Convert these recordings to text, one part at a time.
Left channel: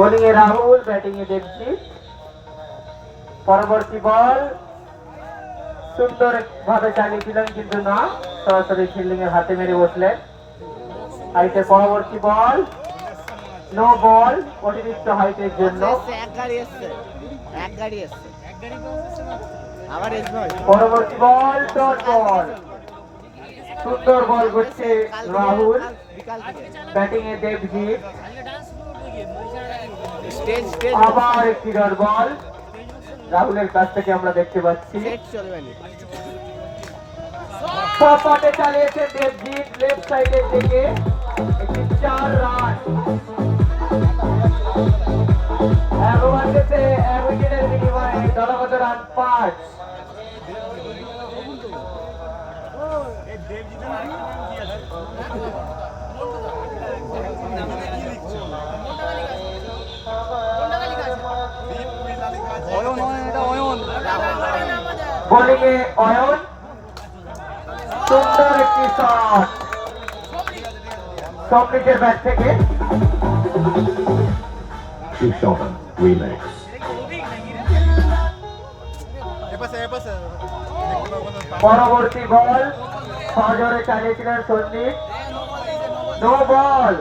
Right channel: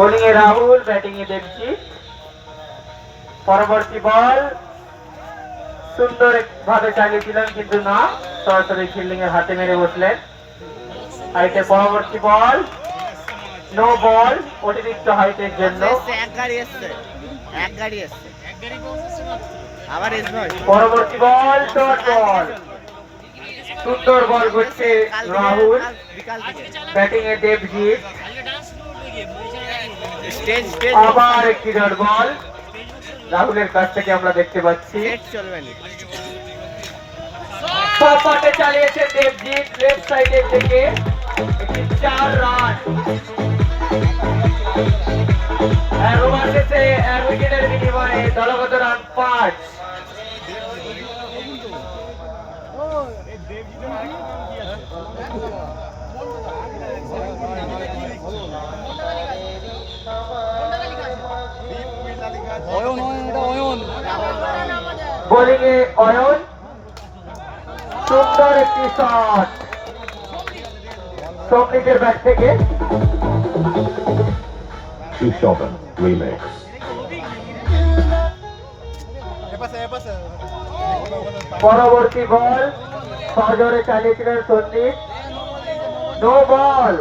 Bowling এ Rahul, batting এ দেবজিৎ। পরবর্তী বল সুন্দর ভাবে চালিয়েছিলেন কিন্তু না, সরাসরি ফিল্ডিং এর হাতে মেরে বসলেন। হাইটে পরবর্তী বল, নো বল, অতিরিক্ত হাইটের জন্য। পরবর্তী বল ডট বল, সুন্দর বল করছে রাহুল, ব্যাটিং এ দেবজিৎ। আবার একটি ডট বল রাহুলের কাছ থেকে আমরা দেখতে পাচ্ছি। পপাটে চালিয়েছে দেবজিৎ লেফট সাইডের থেকে, একটি 4 রান। এক ওভার শেষে 1 উইকেটের বিনিময়ে দলগত রান 5। বোলিং এ অয়ন, সুন্দর একটি শট সপ্লিকের ব্যাট থেকে। পরবর্তী বল সজোরে চালিয়েছিলেন সন্দীপ, নো বল।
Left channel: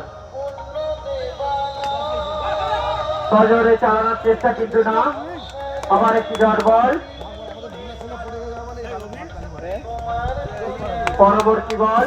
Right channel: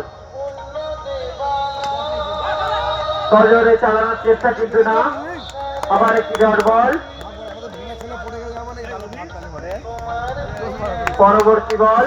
সজোরে চালানোর চেষ্টা কিন্তু না, আবার একটি ডট বল। পরবর্তী বল